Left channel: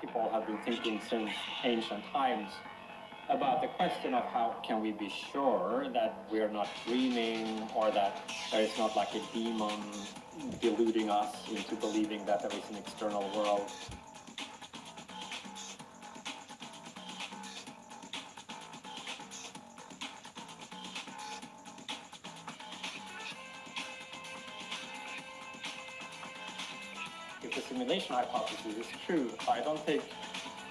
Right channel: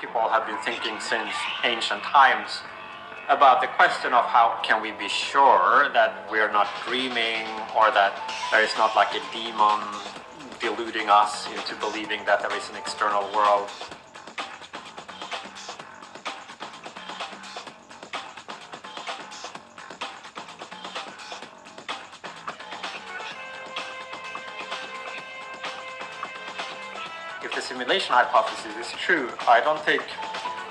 people have been thinking since ancient times about the question of how can we be sure that we are not dreaming, or that there is not like a demon deluding us into believing that there is an external world. If the simulation hypothesis is true, I don't think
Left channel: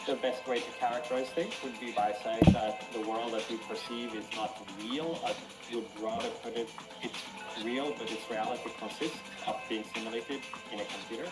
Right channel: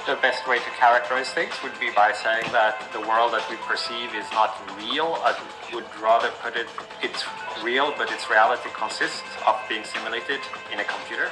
the best way to characterize things would be by saying that the world that we perceive is not real. I would rather put it, it's real, but its reality consists of being simulated in a computer.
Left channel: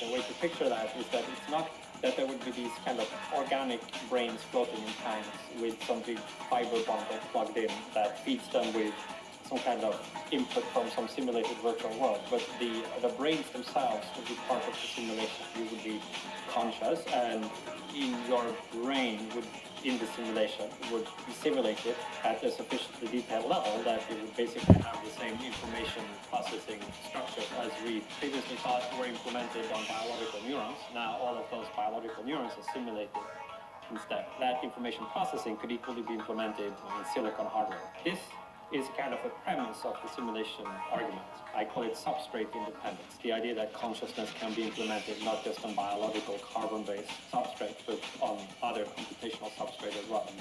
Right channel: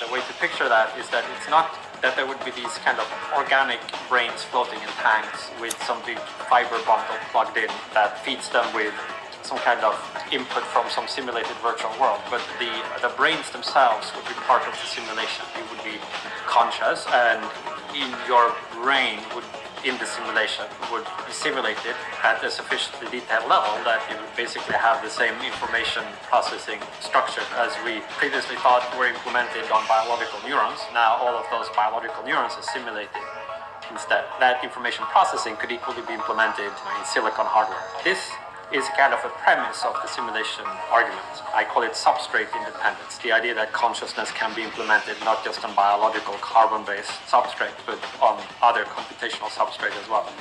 The way to picture that is that it's not that there would be these kind of organic brains floating in tanks with some big fiber bundle plugged in that feeds them with some kind of input from some simulated virtual world, but the brains themselves would be part of the simulation. You would be conscious, and in your brain would, in the simulation, would be simulated at a sufficiently detailed level that you would basically have the same information processing structure as we previously thought were implemented on biological neurons. Now all of those biological neurons are simulated instead. That information processing could equally be implemented in silicon hardware. This is kind of a premise of the simulation argument. I call it substrate independence, the idea that consciousness can be implemented not just on biological carbon-based substrate, but on other computational substrate as well.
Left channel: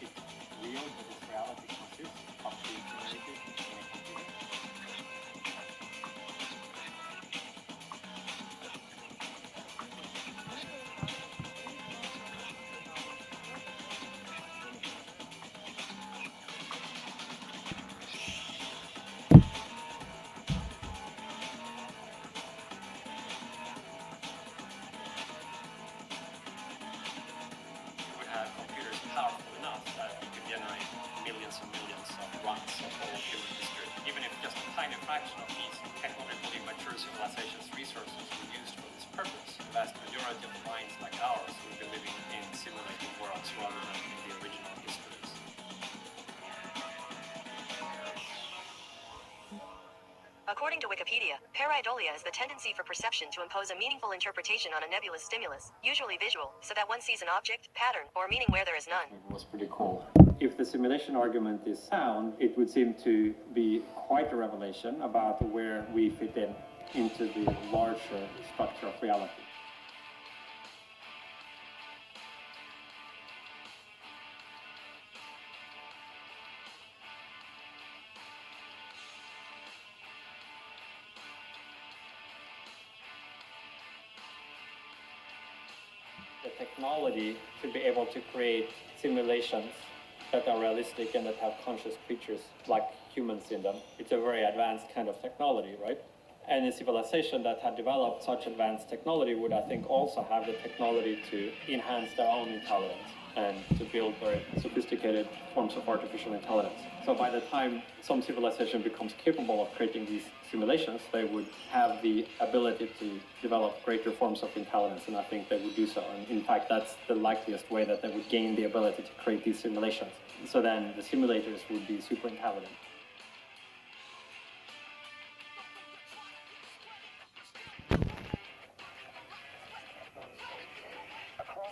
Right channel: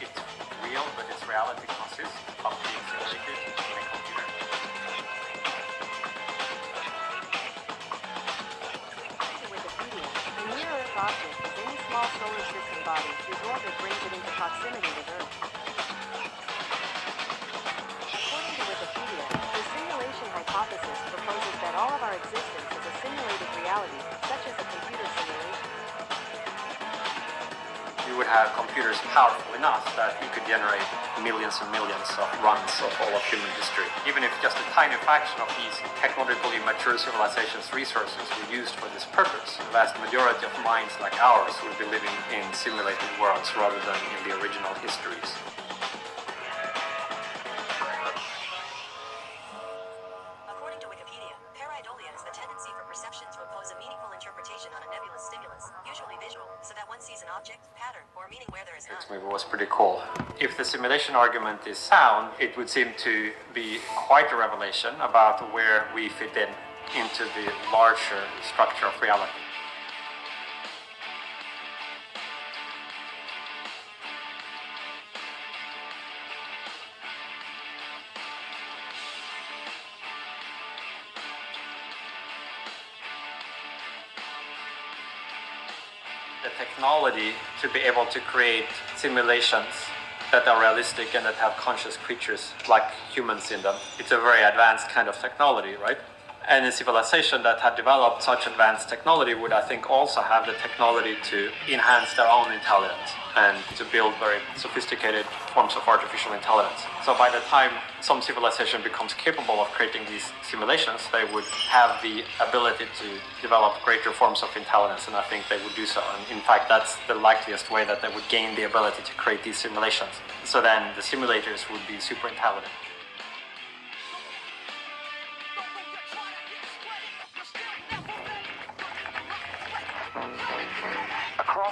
It's real, but its reality consists of being simulated in a computer. Wikipedia, a near-Earth object is any small solar system body whose orbit brings it into proximity with Earth. According to Wikipedia, the simulation hypothesis proposes that all of our existence is a simulated reality, such as a computer simulation. You would have computers powerful enough that you could generate millions and millions of runs of all of human history. Even if just a tiny fraction of these technologically mature civilizations' resources were used for this purpose, the vast majority of minds like ours would be living in simulated worlds rather than in the original histories. According to Wikipedia, pareidolia is the tendency for perception to impose a meaningful interpretation on a nebulous stimulus, usually visual, so that one sees an object, pattern, or meaning where there is none. It was pretty cool. If the simulation argument is sound, it would seem to be quite a revelation about where we fit in into the larger structure of reality. The technology to be able to create simulations that are realistic and that have conscious creatures like humans in them. It's a very advanced kind of technology, right? And a civilization that had developed such advanced technology would, I think, also have the technology to enhance their own intelligence and to build very sophisticated forms of artificial intelligence. So by the time some civilization becomes capable of creating these simulations, they would have the ability to develop greater forms of intelligence, and I think they would do so. And in fact, that's the likeliest way that they would gain the ability to create these simulations. So then the simulators would be super intelligent.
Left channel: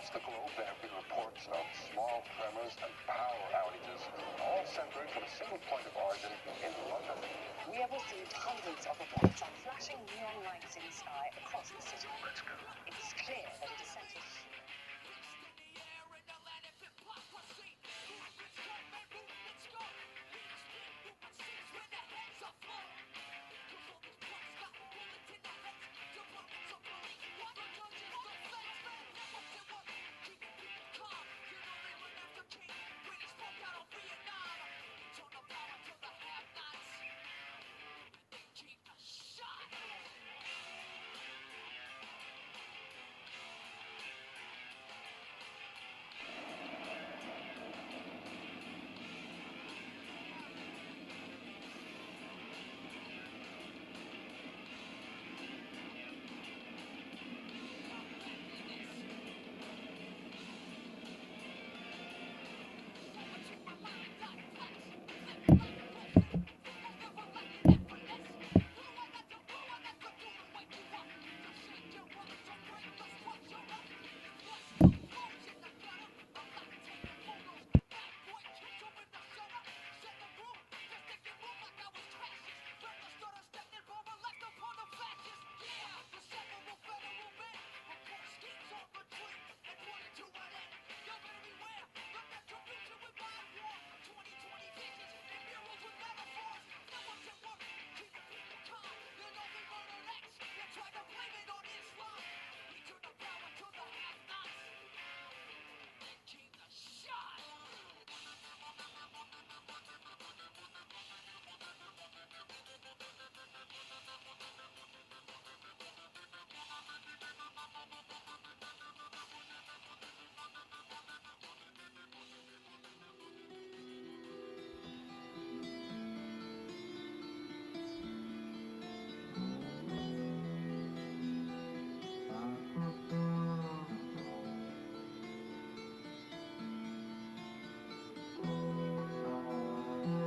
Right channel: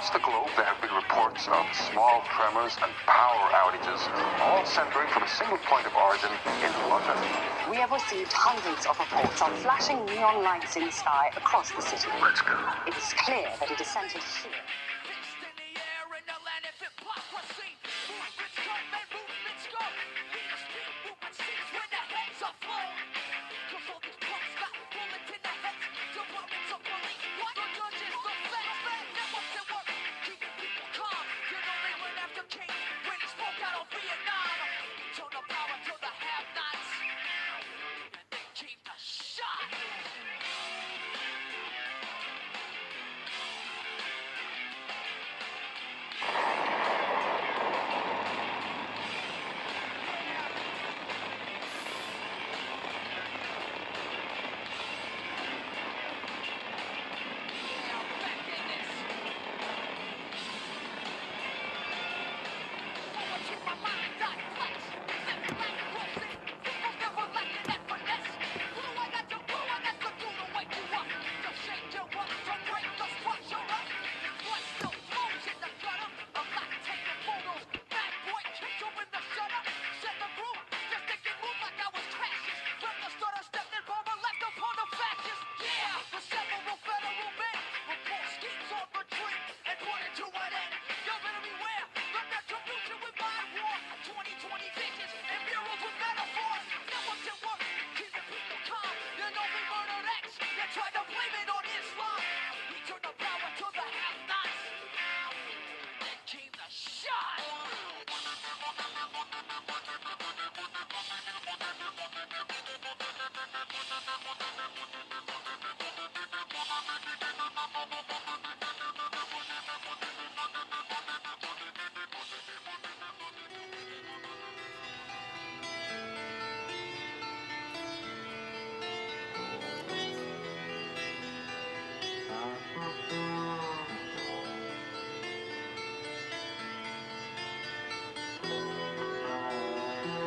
Across the globe, there have been reports of small tremors and power outages, all centering from a single point of origin in London. We have received hundreds of reports on flashing neon lights in the sky across the city. Let's go. It is clear that it is centered here.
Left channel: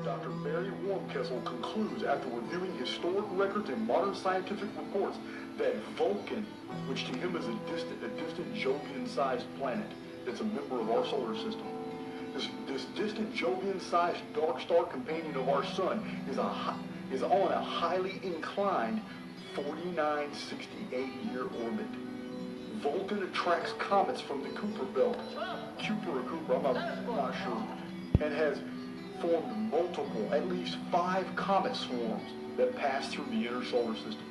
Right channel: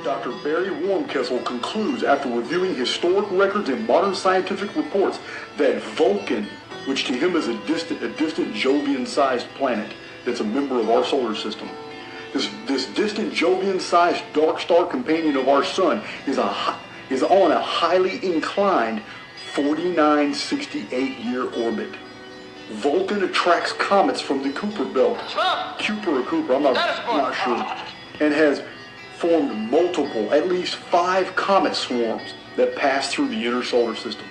Dr. Barry Warmkessel concludes, after reviewing historic records and modern scientific reports, that Vulcan, which to him is a distant Jovian-sized planet that's a member of our solar system, this distant Jovian-sized dark star companion of our sun is on a highly inclined 4968-year orbit. Vulcan attracts comets from the Kuiper belt, Cooper, I'm not sure, and has formed multiple, at least 5 comet swarms that pass through the inner solar system.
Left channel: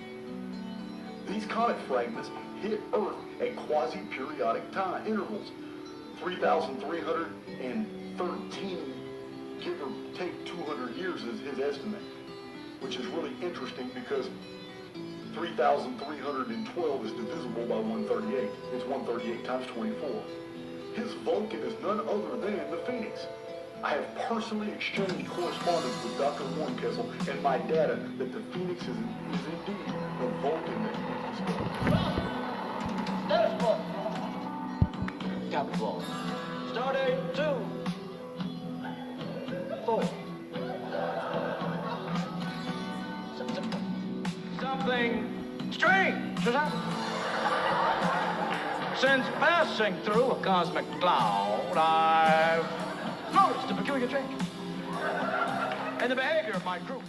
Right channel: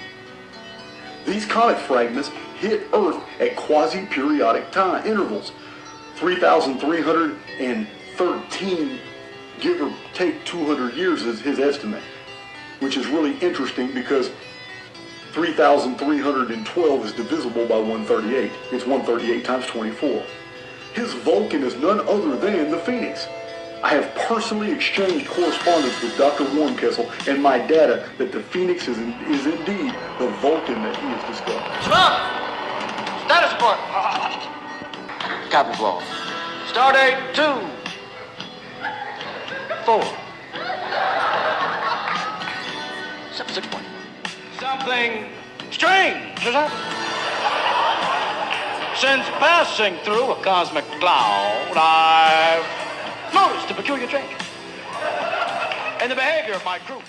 These comet fragments hit Earth at quasi-periodic time intervals, 3,313, give or take 200 years is his estimate, which is really interesting because 3,312 is divisible by 138. It's 138 times 24. His Vulcan is none other than the Phoenix. I have personally exchanged correspondence with Dr. Warmkessel and my data that the Phoenix is indeed the Vulcan that he has discovered. Stop! Status report. Copy, Paul. Stardate 2, 4. Subsequent. Something strange has happened. Since passing through a cosmic cloud, I've noticed a peculiar change in the behavior of my crew.